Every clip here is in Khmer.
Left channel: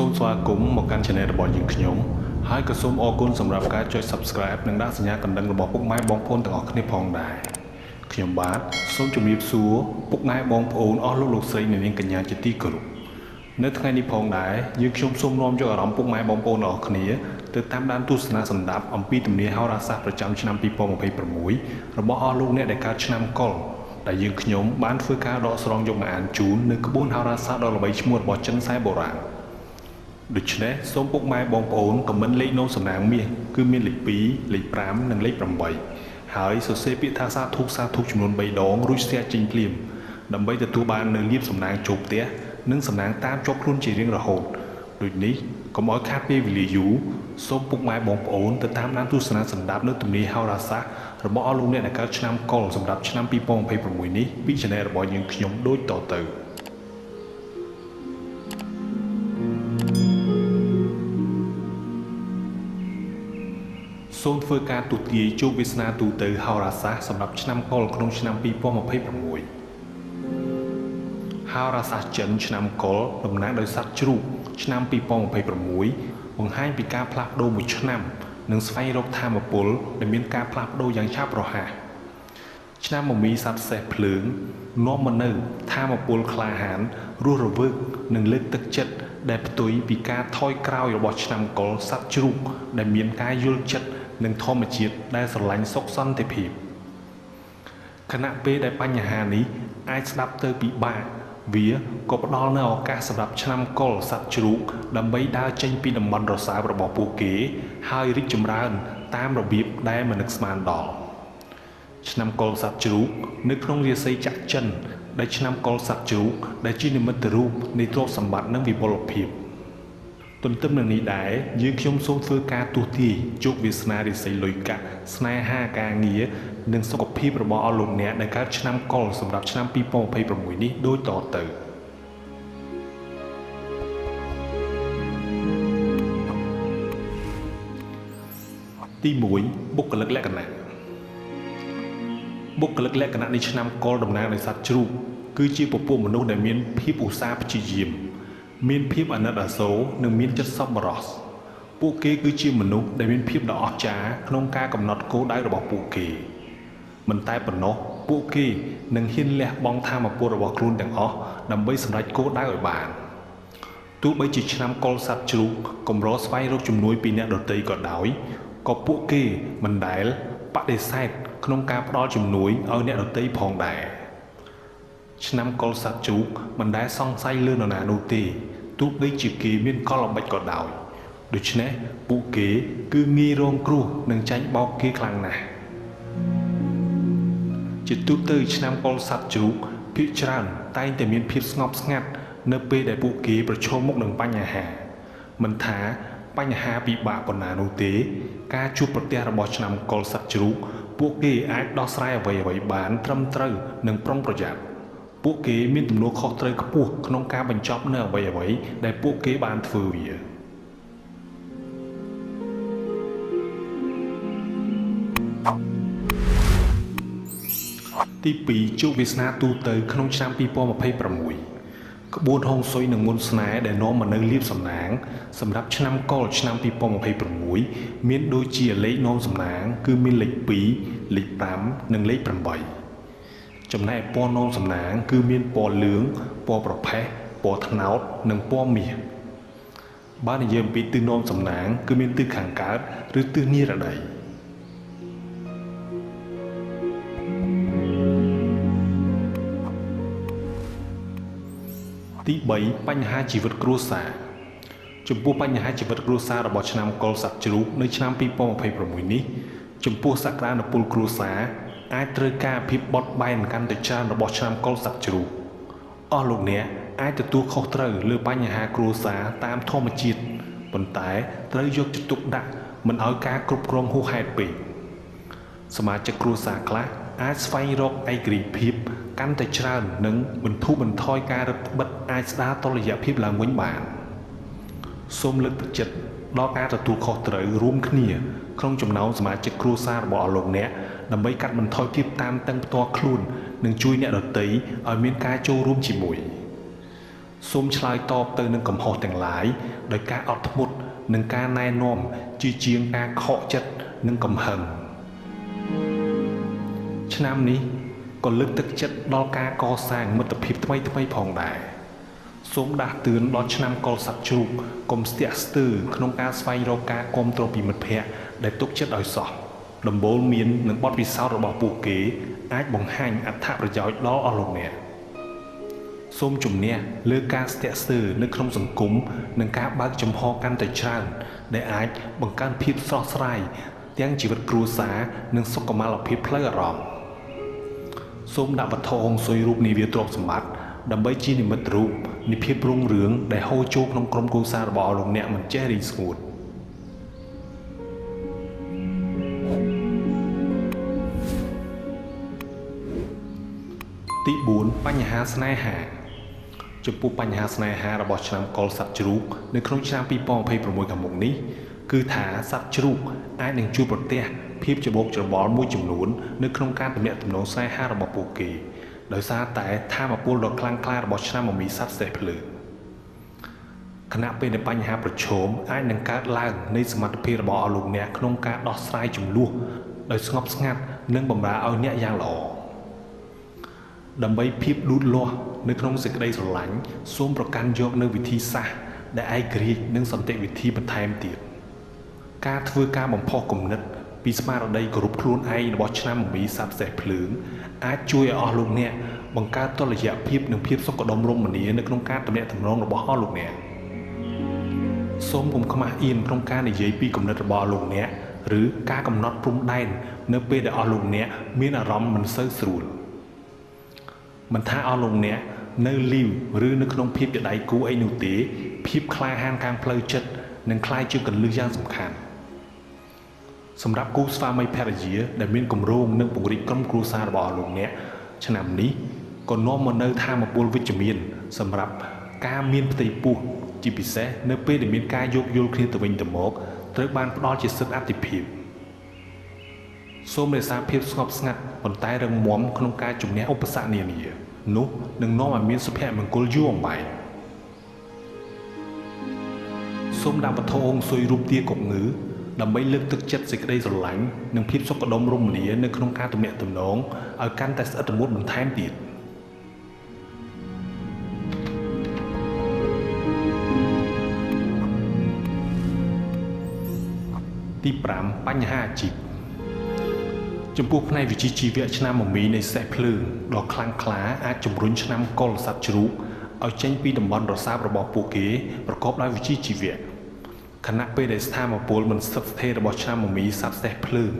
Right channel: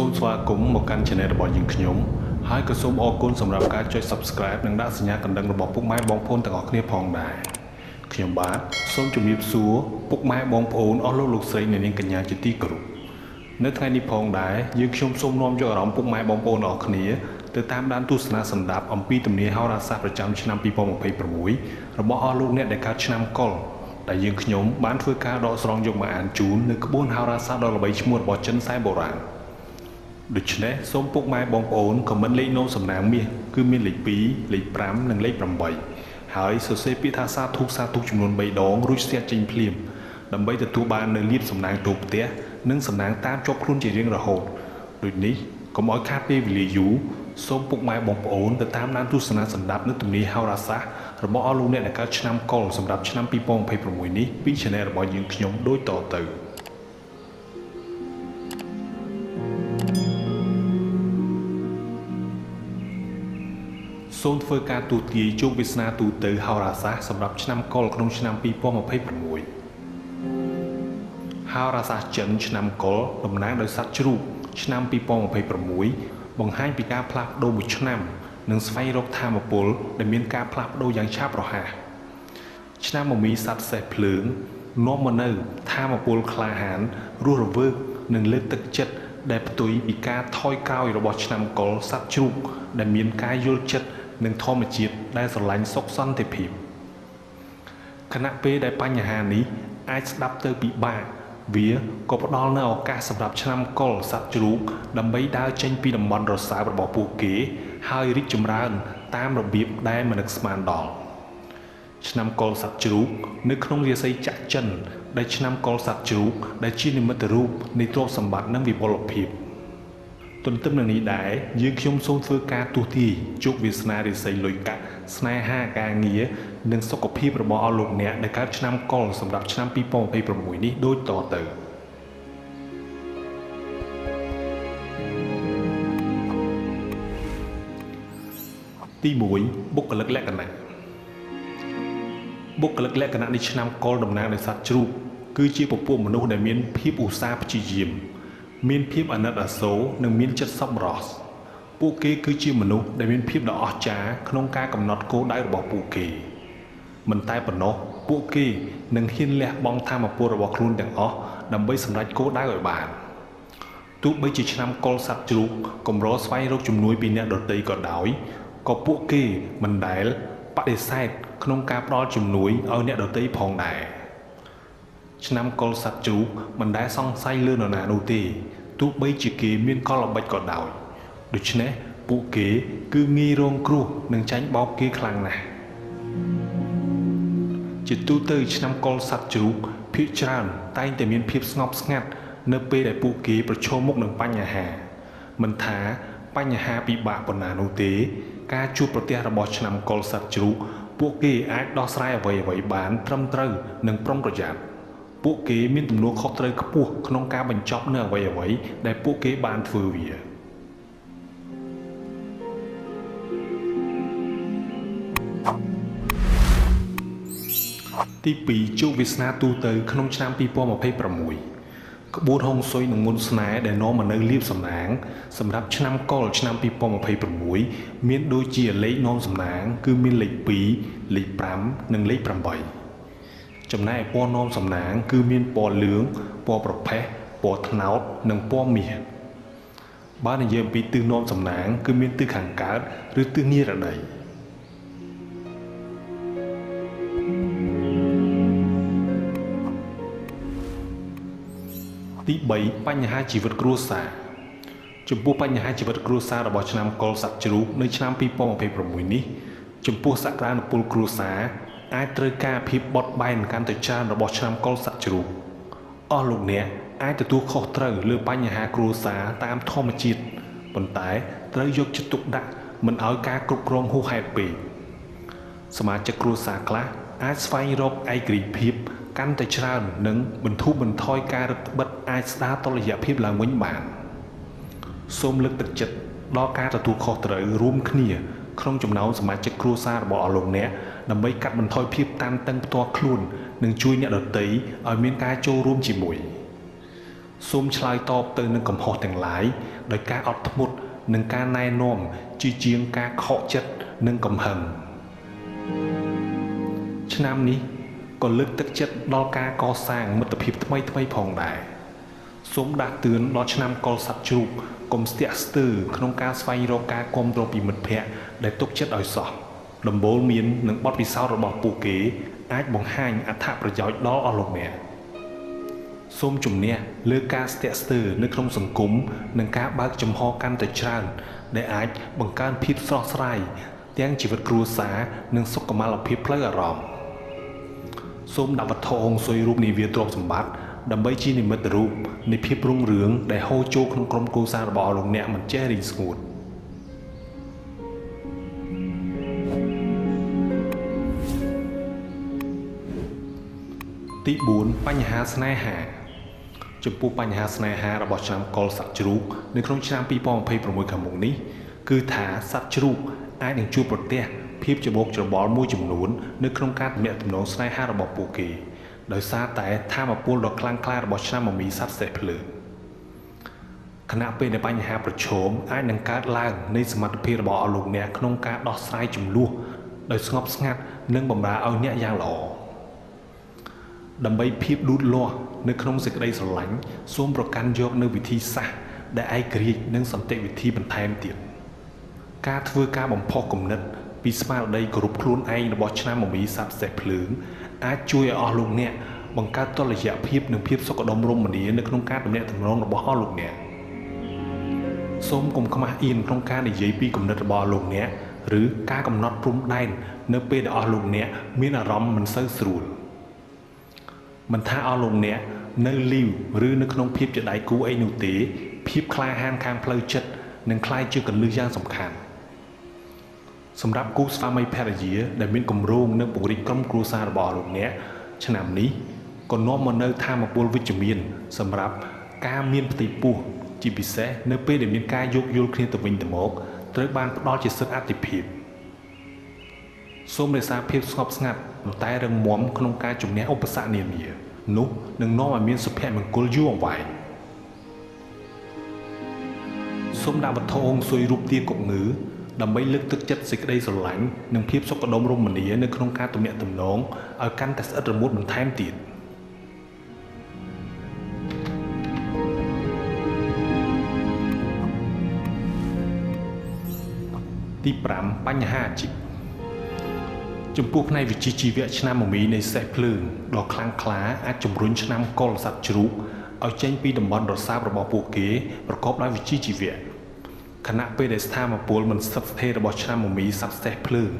សូមស្វាគមន៍មកកាន់ Channel របស់យើងខ្ញុំហើយក៏សូមអរគុណសម្រាប់ការចុច Subscribe និងដាក់សញ្ញាកណ្ដឹងរបស់ពុកម៉ែបងប្អូនទាំងអស់គ្នាផងដែរខ្ញុំបាទសូមជម្រាបសួរពុកម៉ែបងប្អូនអស់លោកស្រីអ្នកនាងកញ្ញាជាទីគោរពនៅថ្ងៃនេះផងដែរយើងខ្ញុំសូមនាំយកអារម្មណ៍ពុកម៉ែបងប្អូនអស់គ្នាទៅតាមដានទស្សនាសម្ដាប់អំពីទំនាយហោរាសាស្ត្រប្រចាំឆ្នាំ2026របស់អស់លោកអ្នកដែលកើតឆ្នាំកុរដែលយើងខ្ញុំបានធ្វើការដកស្រង់យកមកអានជូននៅក្បួនហោរាសាស្ត្រដ៏ល្បីឈ្មោះរបស់ចិនសែបុរាណដូច្នេះសូមពុកម៉ែបងប្អូនខមមិនលេខនោមសំណាងមាសគឺមានលេខ2លេខ5និងលេខ8ហើយសរសេរពាក្យថាសាធុចំនួន3ដងរួចស្ទះចេញភ្លាមដើម្បីទទួលបាននូវលាភសំណាងចូលផ្ទះនិងសំណាងតាមជាប់ខ្លួនជារៀងរហូតដូចនេះកុំឲ្យខាតពេលវេលាយូរសូមពុកម៉ែបងប្អូនទៅតាមដានទស្សនាសម្ដាប់នៅទំនាយហោរាសាស្ត្ររបស់អស់លោកអ្នកដែលកើតឆ្នាំកុរសម្រាប់ឆ្នាំ2026នេះពី Channel របស់យើងខ្ញុំដូចតទៅសូមធ្វើការទូទាយជោគវាសនាទូទៅហោរាសាស្ត្រសម្រាប់ឆ្នាំកុរក្នុងឆ្នាំ2026ហោរាសាស្ត្រចិនឆ្នាំកុរតំណាងដោយសត្វជ្រូកឆ្នាំ2026បង្ហាញពីការផ្លាស់ប្ដូរមួយឆ្នាំនិងស្វែងរកធម៌ពលដែលមានការផ្លាស់ប្ដូរយ៉ាងឆាប់រហ័សឆ្នាំមមីសត្វសេះភ្លើងនាំមកនូវធម៌ពលក្លាហានរស់រវើកនិងលើកទឹកចិត្តដែលផ្ទុយពីការថយក្រោយរបស់ឆ្នាំកុរសត្វជ្រូកដែលមានការយល់ចិត្តនិងធម្មជាតិដែលស្រឡាញ់សុខសន្តិភាពខណៈពេលដែលបញ្ហានេះអាចស្ដាប់ទៅពិបាកវាក៏ផ្ដល់នូវឱកាសសម្រាប់ឆ្នាំកុរសត្វជ្រូកដើម្បីដើរចេញពីតំបន់រសារបស់ពួកគេហើយរីកចម្រើនតាមរបៀបដែលមិននឹកស្មានដល់ឆ្នាំកុរសត្វជ្រូកនៅក្នុងរាសីចក្រចិនដែលឆ្នាំកុរសត្វជ្រូកដែលជានិមិត្តរូបនៃទ្រព្យសម្បត្តិនិងវិបុលភាពទន្ទឹមនឹងនេះដែរយើងខ្ញុំសូមធ្វើការទូទាយជោគវាសនារាសីលុយកាក់ស្នេហាការងារនិងសុខភាពរបស់អស់លោកអ្នកដែលកើតឆ្នាំកុរសម្រាប់ឆ្នាំ2026នេះដូចតទៅទី1បុគ្គលិកលក្ខណៈបុគ្គលិកលក្ខណៈនៃឆ្នាំកុរតំណាងដោយសត្វជ្រូកគឺជាពពួកមនុស្សដែលមានភាពឧស្សាហ៍ព្យាយាមមានភាពអាណិតអាសូរនិងមានចិត្តសប្បុរសពួកគេគឺជាមនុស្សដែលមានភាពដ៏អស្ចារ្យក្នុងការកំណត់គោលដៅរបស់ពួកគេមិនតែប៉ុណ្ណោះពួកគេនឹងហ៊ានលះបង់ធម៌ពលរបស់ខ្លួនទាំងអស់ដើម្បីសម្រេចគោលដៅឲ្យបានទោះបីជាឆ្នាំកុរសត្វជ្រូកកម្រស្វែងរកជំនួយពីអ្នកដទៃក៏ដោយក៏ពួកគេមិនដែលបដិសេធក្នុងការផ្ដល់ជំនួយឲ្យអ្នកដទៃផងដែរឆ្នាំកុរសត្វជ្រូកមិនដែលសង្ស័យលើនរណានោះទេទោះបីជាគេមានកលល្បិចក៏ដោយដូច្នេះពួកគេគឺងាយរងគ្រោះនិងចាញ់បោកគេខ្លាំងណាស់ជាទូទៅឆ្នាំកុរសត្វជ្រូកភាគច្រើនតែងតែមានភាពស្ងប់ស្ងាត់នៅពេលដែលពួកគេប្រឈមមុខនឹងបញ្ហាមិនថាបញ្ហាពិបាកប៉ុណ្ណានោះទេការជួបប្រទះរបស់ឆ្នាំកុរសត្វជ្រូកពួកគេអាចដោះស្រាយអ្វីៗបានត្រឹមត្រូវនិងប្រុងប្រយ័ត្នពួកគេមានទំនួលខុសត្រូវខ្ពស់ក្នុងការបញ្ចប់នៅអ្វីៗដែលពួកគេបានធ្វើវាទី2ជោគវាសនាទូទៅក្នុងឆ្នាំ2026ក្បួនហុងស៊ុយនិងមុនស្នេហ៍ដែលនាំមកនូវលាភសំណាងសម្រាប់ឆ្នាំកុរឆ្នាំ2026មានដូចជាលេខនាំសំណាងគឺមានលេខ2លេខ5និងលេខ8ចំណែកពណ៌នាំសំណាងគឺមានពណ៌លឿងពណ៌ប្រផេះពណ៌ត្នោតនិងពណ៌មាសបើនិយាយពីទិសនាំសំណាងគឺមានទិសខាងកើតឬទិសនិរតីទី3បញ្ហាជីវិតគ្រួសារចំពោះបញ្ហាជីវិតគ្រួសាររបស់ឆ្នាំកុរសត្វជ្រូកនៅឆ្នាំ2026នេះចំពោះសក្តានុពលគ្រួសារអាចត្រូវការភាពបត់បែនកាន់តែច្រើនរបស់ឆ្នាំកុរសត្វជ្រូកអស់លោកអ្នកអាចទទួលខុសត្រូវលើបញ្ហាគ្រួសារតាមធម្មជាតិប៉ុន្តែត្រូវយកចិត្តទុកដាក់មិនឲ្យការគ្រប់គ្រងហួសហេតុពេកសមាជិកគ្រួសារខ្លះអាចស្វែងរកឯករាជ្យភាពកាន់តែច្រើននិងបន្ធូរបន្ថយការរឹតបន្តឹងអាចស្ដារតុល្យភាពឡើងវិញបានសូមលើកទឹកចិត្តដល់ការទទួលខុសត្រូវរួមគ្នាក្នុងចំណោមសមាជិកគ្រួសាររបស់អស់លោកអ្នកដើម្បីកាត់បន្ថយភាពតានតឹងផ្ទាល់ខ្លួននិងជួយអ្នកដទៃឲ្យមានការចូលរួមជាមួយ ទ សូមឆ្លើយតបទៅនឹងកំហុសទាំងឡាយដោយការអត់ធ្មត់និងការណែនាំជាជាងការខកចិត្តនិងកំហឹងឆ្នាំនេះក៏លើកទឹកចិត្តដល់ការកសាងមិត្តភាពថ្មីផងដែរសូមដាស់តឿនដល់ឆ្នាំកុលសត្វជ្រូកកុំស្ទាក់ស្ទើរក្នុងការស្វែងរកការគាំទ្រពីមិត្តភ័ក្តិដែលទុកចិត្តឲ្យសោះដំបូលមាននិងបទពិសោធន៍របស់ពួកគេអាចបង្ហាញអត្ថប្រយោជន៍ដល់អស់លោកអ្នកសូមជំនះលើការស្ទាក់ស្ទើរនៅក្នុងសង្គមនិងការបើកចំហកាន់តែច្រើនដែលអាចបង្កើនភាពស្រស់ស្រាយទាំងជីវិតគ្រួសារនិងសុខុមាលភាពផ្លូវអារម្មណ៍សូមដាក់វត្ថុអង្សុយរូបនាវាទ្រព្យសម្បត្តិដើម្បីជានិមិត្តរូបនៃភាពរុងរឿងដែលហូរចូលក្នុងក្រុមគ្រួសាររបស់លោកអ្នកមិនចេះរីកស្ងួតទី4បញ្ហាស្នេហាចំពោះបញ្ហាស្នេហារបស់ឆ្នាំកុលសត្វជ្រូកនៅក្នុងឆ្នាំ2026ខាងមុខនេះគឺថាសត្វជ្រូកអាចនឹងជួបប្រទះភាពច្របូកច្របល់មួយចំនួននៅក្នុងការទំនាក់ទំនងស្នេហារបស់ពួកគេដោយសារតែថាមពលដ៏ខ្លាំងក្លារបស់ឆ្នាំមមីសត្វសេះភ្លើងខណៈពេលដែលបញ្ហាប្រឈមអាចនឹងកើតឡើងនៃសមត្ថភាពរបស់អស់លោកអ្នកក្នុងការដោះស្រាយជម្លោះដោយស្ងប់ស្ងាត់និងបម្រើឲ្យអ្នកយ៉ាងល្អដើម្បីភាពលូតលាស់នៅក្នុងសេចក្តីស្រឡាញ់សូមប្រកាន់យកនូវវិធីសាស្ត្រដែលឯករាជ្យនិងសន្តិវិធីបន្ថែមទៀតការធ្វើការបំផុសគំនិតពីស្មារតីគោរពខ្លួនឯងរបស់ឆ្នាំមមីសត្វសេះភ្លើងអាចជួយឲ្យអស់លោកអ្នកបង្កើតតុល្យភាពនិងភាពសុខដុមរមនានៅក្នុងការទំនាក់ទំនងរបស់អស់លោកអ្នកសូមកុំខ្មាស់អៀនក្នុងការនិយាយពីគំនិតរបស់លោកអ្នកឬការកំណត់ព្រំដែននៅពេលដែលអស់លោកអ្នកមានអារម្មណ៍មិនសូវស្រួលមិនថាអស់លោកអ្នកនៅលីវឬនៅក្នុងភាពជាដៃគូអីនោះទេភាពក្លាហានខាងផ្លូវចិត្តនឹងក្លាយជាគន្លឹះយ៉ាងសំខាន់សម្រាប់គូស្វាមីភរិយាដែលមានគម្រោងនិងពង្រីកក្រុមគ្រួសាររបស់លោកអ្នកឆ្នាំនេះក៏នាំមកនូវថាមពលវិជ្ជមានសម្រាប់ការមានផ្ទៃពោះជាពិសេសនៅពេលដែលមានការយោគយល់គ្នាទៅវិញទៅមកត្រូវបានផ្ដល់ជាសិទ្ធិអាទិភាពសូមរក្សាភាពស្ងប់ស្ងាត់ប៉ុន្តែរឹងមាំក្នុងការជំនះឧបសគ្គនានានោះនឹងនាំឲ្យមានសុភមង្គលយូរអង្វែងសូមដាក់វត្ថុអង្សុយរូបទាគប់ងឺដើម្បីលើកទឹកចិត្តសេចក្តីស្រឡាញ់និងភាពសុខដុមរមនានៅក្នុងការទំនាក់ទំនងឲ្យកាន់តែស្អិតរមួតបន្ថែមទៀតទី5បញ្ហាអាជីពចំពោះផ្នែកវិជ្ជាជីវៈឆ្នាំមមីនៃសេះភ្លើងដ៏ខ្លាំងក្លាអាចជំរុញឆ្នាំកុលសត្វជ្រូកឲ្យចេញពីតំបន់រសើបរបស់ពួកគេប្រកបដោយវិជ្ជាជីវៈខណៈពេលដែលស្ថានភាពមិនស្ថិតស្ថេររបស់ឆ្នាំមមីសត្វសេះភ្លើង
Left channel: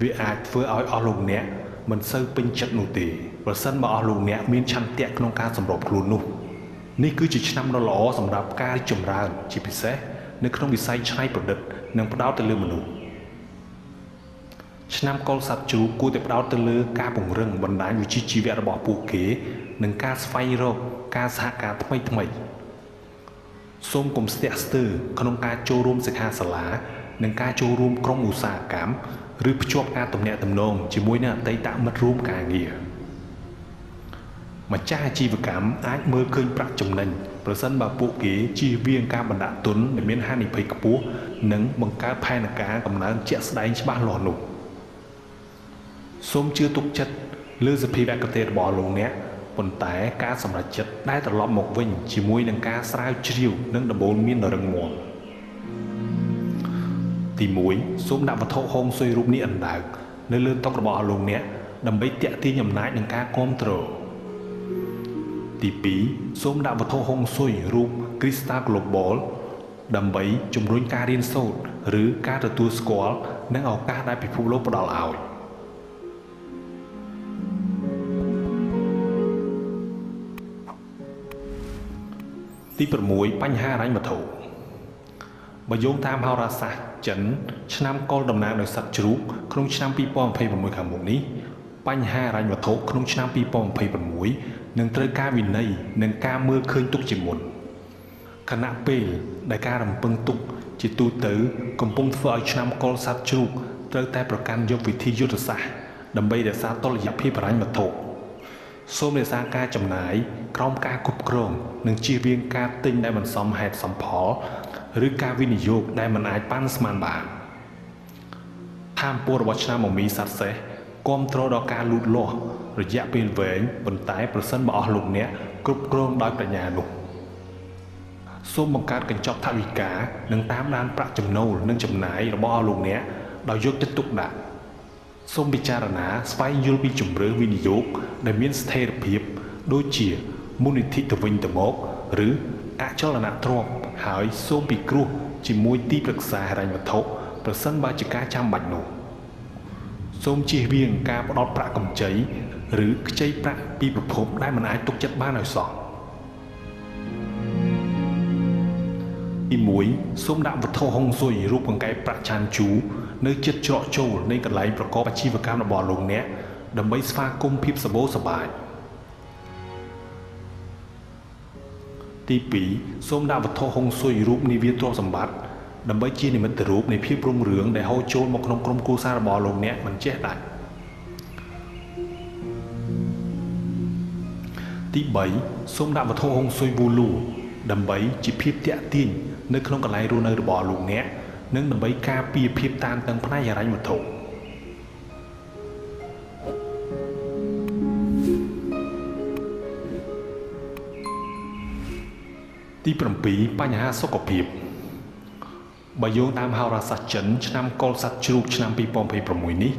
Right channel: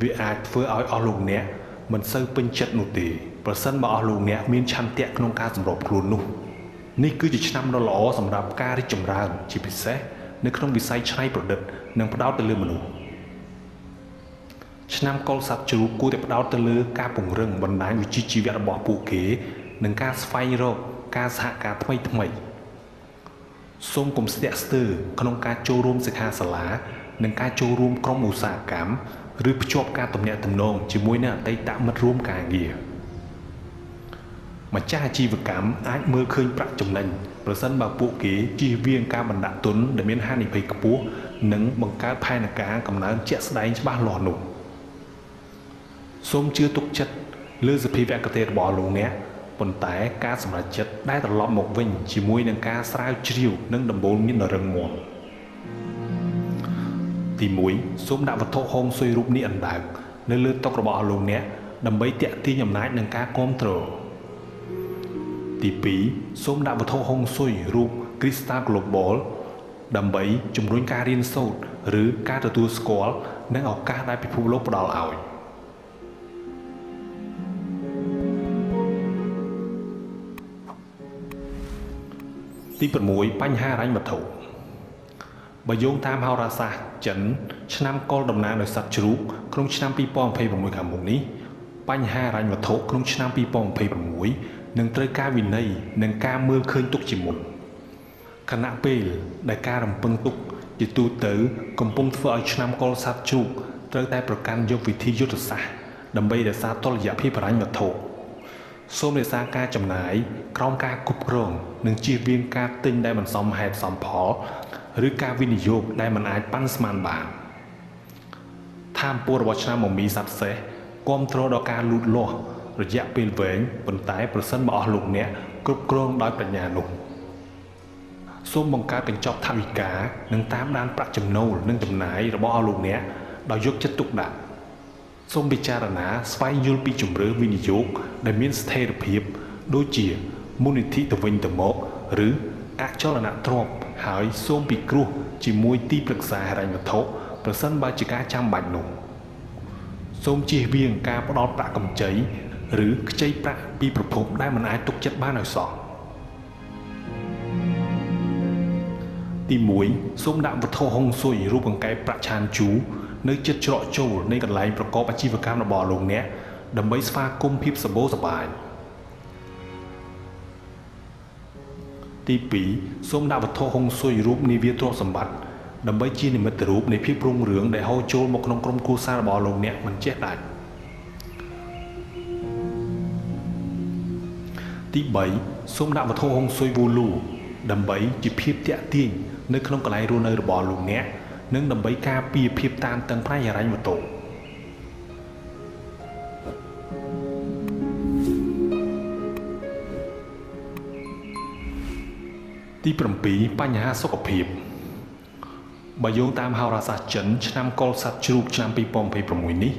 វាអាចធ្វើឲ្យអស់លោកអ្នកមិនសូវពេញចិត្តនោះទេប្រសិនបើអស់លោកអ្នកមានឆន្ទៈក្នុងការសម្របខ្លួននោះនេះគឺជាឆ្នាំដ៏ល្អសម្រាប់ការរីកចម្រើនជាពិសេសនៅក្នុងវិស័យច្នៃប្រឌិតនិងផ្ដោតទៅលើមនុស្សឆ្នាំកុលសត្វជ្រូកគួរតែផ្ដោតទៅលើការពង្រឹងបណ្ដាញវិជ្ជាជីវៈរបស់ពួកគេនិងការស្វែងរកការសហការថ្មីសូមកុំស្ទាក់ស្ទើរក្នុងការចូលរួមសិក្ខាសាលានិងការចូលរួមក្រុមឧស្សាហកម្មឬភ្ជាប់ការទំនាក់ទំនងជាមួយនឹងអតីតមិត្តរួមការងារម្ចាស់អាជីវកម្មអាចមើលឃើញប្រាក់ចំណេញប្រសិនបើពួកគេជៀសវាងការបណ្ដាក់ទុនដែលមានហានិភ័យខ្ពស់និងបង្កើតផែនការកំណើនជាក់ស្ដែងច្បាស់លាស់នោះសូមជឿទុកចិត្តលើសភាវគតិរបស់លោកអ្នកប៉ុន្តែការសម្រេចចិត្តដែលត្រឡប់មកវិញជាមួយនឹងការស្រាវជ្រាវនិងដំបូលមានរឹងមាំទី1សូមដាក់វត្ថុហោមស៊ុយរូបនេះអណ្ដើកនៅលើតុរបស់លោកអ្នកដើម្បីទាក់ទាញអំណាចនិងការគាំទ្រទី2សូមដាក់វត្ថុហោមស៊ុយរូប Crystal Global ដើម្បីជំរុញការរៀនសូត្រឬការទទួលស្គាល់និងឱកាសដែលពិភពលោកផ្ដល់ឲ្យទី6បញ្ហាហិរញ្ញវត្ថុបើយោងតាមហោរាសាស្ត្រចិនឆ្នាំកុលដំណើរដោយសត្វជ្រូកក្នុងឆ្នាំ2026ខាងមុខនេះបញ្ហាហិរញ្ញវត្ថុក្នុងឆ្នាំ2026នឹងត្រូវការវិន័យនិងការមើលឃើញទុកជាមុនខណៈពេលដែលការរំពឹងទុកជាទូទៅកំពុងធ្វើឲ្យឆ្នាំកុលសត្វជ្រូកត្រូវតែប្រកាន់យកវិធីយុទ្ធសាស្ត្រដើម្បីរក្សាតុល្យភាពហិរញ្ញវត្ថុ សូមរក្សាការចំណាយក្រោមការគ្រប់គ្រងនិងជៀសវាងការទិញដែលមិនសមហេតុសមផលឬការវិនិយោគដែលមិនអាចប៉ាន់ស្មានបានឋានពររបស់ឆ្នាំមមីសត្វសេះគាំទ្រដល់ការលូតលាស់រយៈពេលវែងប៉ុន្តែប្រសិនបើអស់លោកអ្នកគ្រប់គ្រងដោយប្រាជ្ញានោះសូមបង្កើតកញ្ចប់ថវិកានិងតាមដានប្រាក់ចំណូលនិងចំណាយរបស់អស់លោកអ្នកដោយយកចិត្តទុកដាក់សូមពិចារណាស្វែងយល់ពីជម្រើសវិនិយោគដែលមានស្ថិរភាពដូចជាមូលនិធិទៅវិញទៅមកឬអចលនទ្រព្យហើយសូមពិគ្រោះជាមួយទីប្រឹក្សាហិរញ្ញវត្ថុប្រសិនបើជាការចាំបាច់នោះសូមជៀសវាងការផ្ដល់ប្រាក់កម្ចីឬខ្ចីប្រាក់ពីប្រភពដែលមិនអាចទុកចិត្តបានឲ្យសោះទី1សូមដាក់វត្ថុហុងស៊ុយរូបអង្កែប្រាក់ឆានជូនៅជិតច្រកចូលនៃកន្លែងប្រកបអាជីវកម្មរបស់លោកអ្នកដើម្បីស្វាគមន៍ភាពសម្បូរសប្បាយទី2សូមដាក់វត្ថុហុងស៊ុយរូបនាវាទ្រព្យសម្បត្តិដើម្បីជានិមិត្តរូបនៃភាពរុងរឿងដែលហូរចូលមកក្នុងក្រុមគ្រួសាររបស់លោកអ្នកមិនចេះដាច់ទី3សូមដាក់វត្ថុហុងស៊ុយវូលូដើម្បីជាភាពតាក់ទាញនៅក្នុងកន្លែងរស់នៅរបស់លោកអ្នកនិងដើម្បីការពារភាពតានតឹងផ្នែកហិរញ្ញវត្ថុទី7បញ្ហាសុខភាពបើយោងតាមហោរាសាស្ត្រចិនឆ្នាំកុលសត្វជ្រូកឆ្នាំ2026នេះ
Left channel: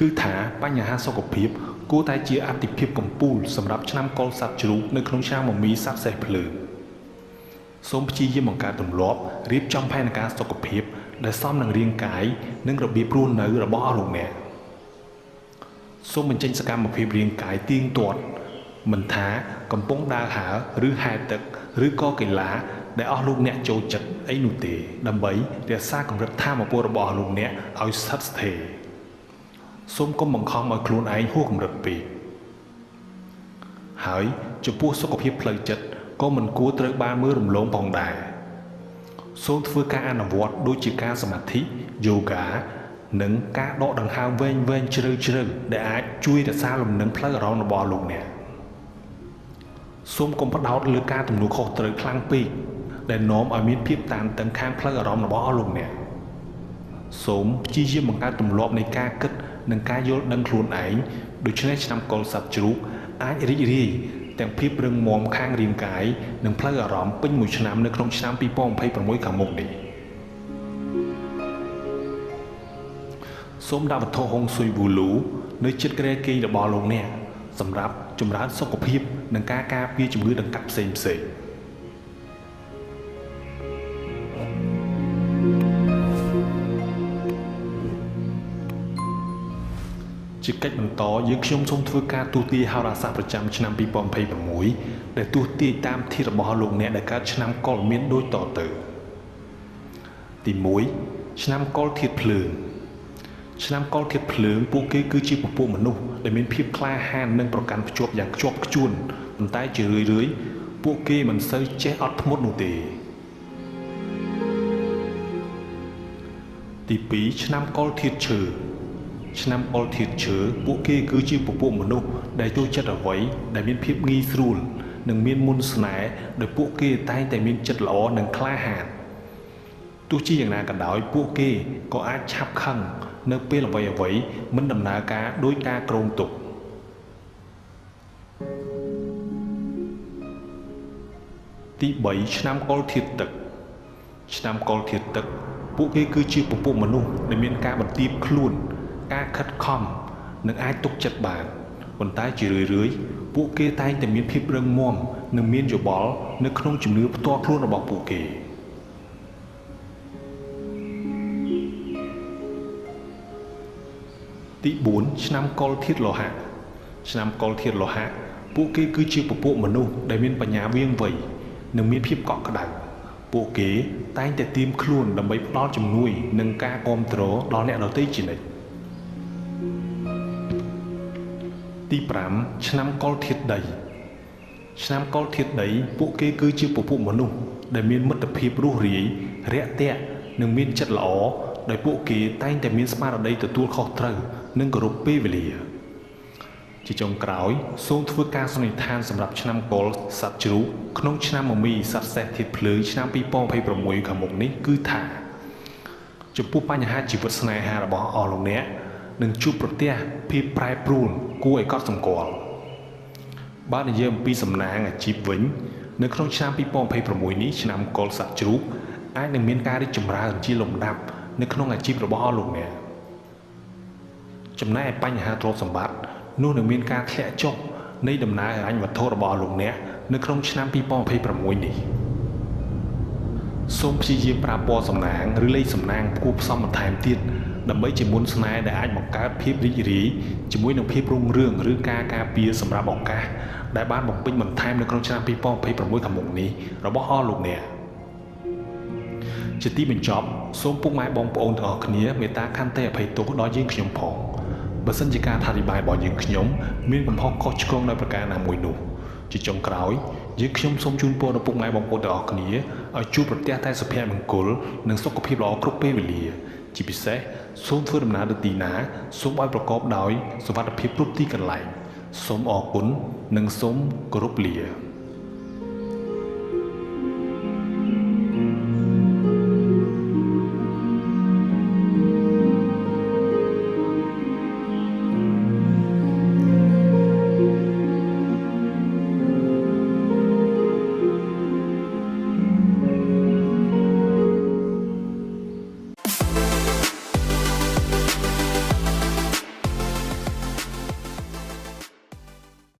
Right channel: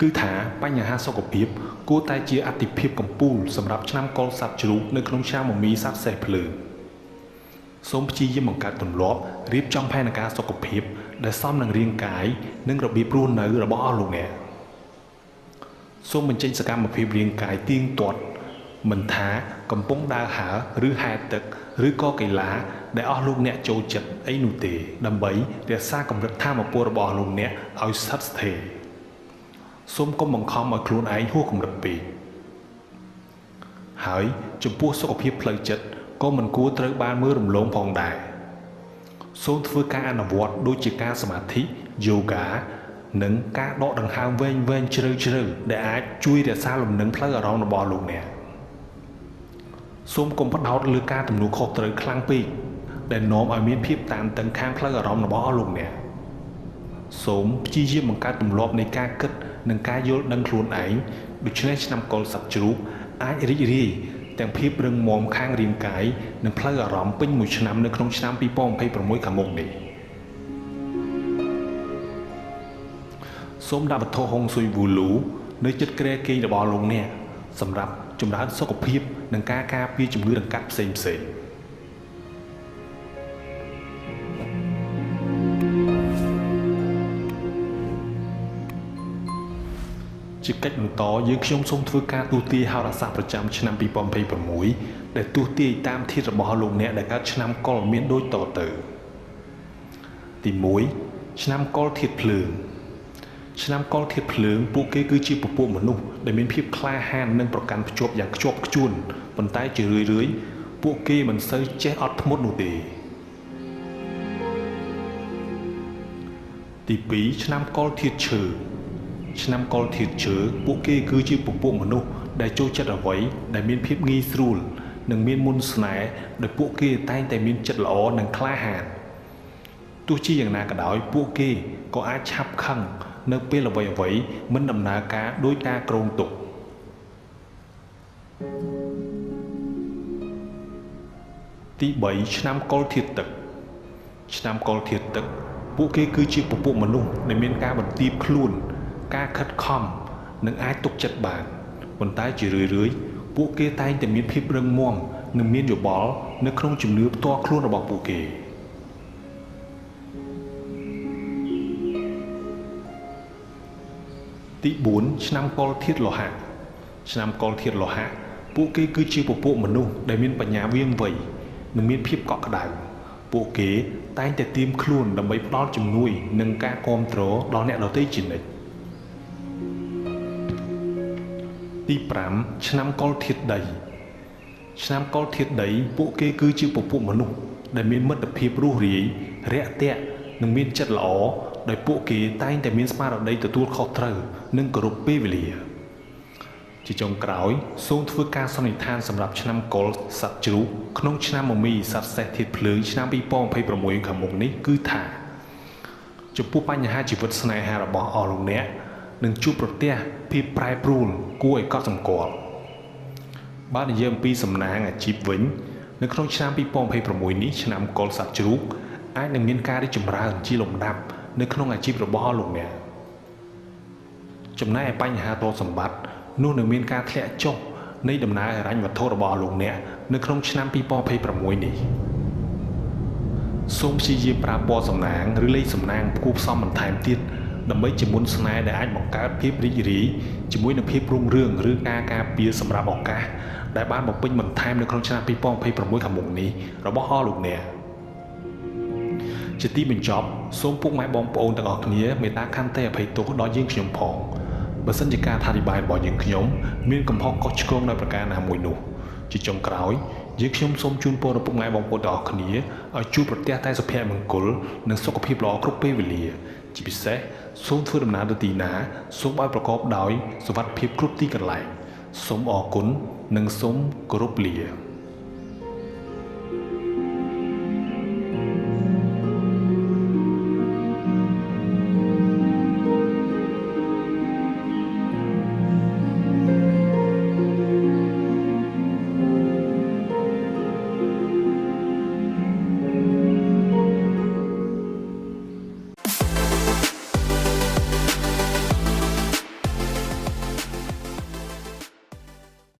គឺថាបញ្ហាសុខភាពគួរតែជាអាទិភាពកំពូលសម្រាប់ឆ្នាំកុលសត្វជ្រូកនៅក្នុងឆ្នាំមមីសត្វសេះភ្លើងសូមព្យាយាមបង្កើតទម្លាប់រៀបចំផែនការសុខភាពដែលសមនឹងរាងកាយនិងរបៀបរស់នៅរបស់លោកអ្នកសូមបញ្ចេញសកម្មភាពរាងកាយទៀងទាត់មិនថាកំពុងដើរហើរឬហែលទឹកឬក៏កីឡាដែលអស់លោកអ្នកចូលចិត្តអីនោះទេដើម្បីរក្សាកម្រិតថាមពលរបស់លោកអ្នកឲ្យស្ថិតស្ថេរសូមកុំបង្ខំឲ្យខ្លួនឯងហួសកម្រិតពេកហើយចំពោះសុខភាពផ្លូវចិត្តក៏មិនគួរត្រូវបានមើលរំលងផងដែរសូមធ្វើការអនុវត្តដូចជាការសមាធិយូហ្គានិងការដកដង្ហើមវែងៗជ្រៅៗដែលអាចជួយរក្សាលំនឹងផ្លូវអារម្មណ៍របស់លោកអ្នកសូមកុំផ្ដោតលើការទំនួលខុសត្រូវខ្លាំងពេកដែលនាំឲ្យមានភាពតានតឹងខាងផ្លូវអារម្មណ៍របស់លោកអ្នកសូមព្យាយាមបង្កើតទម្លាប់នៃការគិតនិងការយល់ដឹងខ្លួនឯងដូច្នេះឆ្នាំកុលសត្វជ្រូកអាចរីករាយទាំងភាពរឹងមាំខាងរាងកាយនិងផ្លូវអារម្មណ៍ពេញមួយឆ្នាំនៅក្នុងឆ្នាំ2026ខាងមុខនេះសូមដាក់វត្ថុហុងស៊ុយវូលូនៅជិតគ្រែគេងរបស់លោកអ្នកសម្រាប់ចម្រើនសុខភាពនិងការការពារជំងឺដង្កាត់ផ្សេងៗជាកិច្ចបន្តយើងខ្ញុំសូមធ្វើការទូទាយហោរាសាស្ត្រប្រចាំឆ្នាំ2026ដែលទូទាយតាមធាតុរបស់លោកអ្នកដែលកើតឆ្នាំកុលមានដូចតទៅទី1ឆ្នាំកុលធាតុភ្លើងឆ្នាំកុលធាតុភ្លើងពួកគេគឺជាពពួកមនុស្សដែលមានភាពក្លាហាននិងប្រកាន់ភ្ជាប់យ៉ាងខ្ជាប់ខ្ជួនប៉ុន្តែជារឿយៗពួកគេមិនសូវចេះអត់ធ្មត់នោះទេទី2ឆ្នាំកុលធាតុឈើឆ្នាំកុលធាតុឈើពួកគេគឺជាពពួកមនុស្សដែលចូលចិត្តអ្វីដែលមានភាពងាយស្រួលនិងមានមន្តស្នេហ៍ដោយពួកគេតែងតែមានចិត្តល្អនិងក្លាហានទោះជាយ៉ាងណាក៏ដោយពួកគេក៏អាចឆាប់ខឹងនៅពេលអ្វីៗមិនដំណើរការដោយការគ្រោងទុកទី3ឆ្នាំកុលធាតុទឹកឆ្នាំកុលធាតុទឹកពួកគេគឺជាពពួកមនុស្សដែលមានការបន្ទាបខ្លួនការខិតខំនិងអាចទុកចិត្តបានប៉ុន្តែជារឿយៗពួកគេតែងតែមានភាពរឹងមាំនិងមានយោបល់នៅក្នុងជំនឿផ្ទាល់ខ្លួនរបស់ពួកគេទី4ឆ្នាំកុលធាតុលោហៈឆ្នាំកុលធាតុលោហៈពួកគេគឺជាពពួកមនុស្សដែលមានបញ្ញាវាងវៃនិងមានភាពកក់ក្ដៅពួកគេតែងតែត្រៀមខ្លួនដើម្បីផ្ដល់ជំនួយនិងការគាំទ្រដល់អ្នកដទៃជានិច្ចទី5ឆ្នាំកុលធាតុដីឆ្នាំកុលធាតុដីពួកគេគឺជាពពួកមនុស្សដែលមានមិត្តភាពរស់រាយរាក់ទាក់និងមានចិត្តល្អដោយពួកគេតែងតែមានស្មារតីទទួលខុសត្រូវនិងគោរពពេលវេលា ជាចុងក្រោយសូមធ្វើការសន្និដ្ឋានសម្រាប់ឆ្នាំកុរសត្វជ្រូកក្នុងឆ្នាំមមីសត្វសេះធាតុភ្លើងឆ្នាំ2026ខាងមុខនេះគឺថាចំពោះបញ្ហាជីវិតស្នេហារបស់អស់លោកអ្នកនឹងជួបប្រទះភាពប្រែប្រួលគួរឲ្យកត់សម្គាល់បើនិយាយអំពីសំណាងអាជីពវិញនៅក្នុងឆ្នាំ2026នេះឆ្នាំកុរសត្វជ្រូកអាចនឹងមានការរីកចម្រើនជាលំដាប់នៅក្នុងអាជីពរបស់អស់លោកអ្នកចំណែកឯបញ្ហាទ្រព្យសម្បត្តិនោះនឹងមានការធ្លាក់ចុះនៃដំណើរហិរញ្ញវត្ថុរបស់លោកអ្នកនៅក្នុងឆ្នាំ2026នេះសូមព្យាយាមប្រើពណ៌សំណាងឬលេខសំណាងផ្គូផ្សំបន្ថែមទៀតដើម្បីជាមុនស្នេហ៍ដែលអាចបង្កើតភាពរីករាយជាមួយនឹងភាពរុងរឿងឬការការពារសម្រាប់ឱកាសដែលបានបំពេញបន្ថែមនៅក្នុងឆ្នាំ2026ខាងមុខនេះរបស់អស់លោកអ្នកជាទីបញ្ចប់សូមពុកម៉ែបងប្អូនទាំងអស់គ្នាមេត្តាខន្តីអភ័យទោសដល់យើងខ្ញុំផងបើសិនជាការអធិប្បាយរបស់យើងខ្ញុំមានកំហុសខុសឆ្គងនៅប្រការណាមួយនោះជាចុងក្រោយយើងខ្ញុំសូមជូនពរដល់ពុកម៉ែបងប្អូនទាំងអស់គ្នាឲ្យជួបប្រទះតែសុភមង្គលនិងសុខភាពល្អគ្រប់ពេលវេលាជាពិសេសសូមធ្វើដំណើរទៅទីណាសូមឲ្យប្រកបដោយសុវត្ថិភាពគ្រប់ទីកន្លែងសូមអរគុណនិងសូមគោរពលា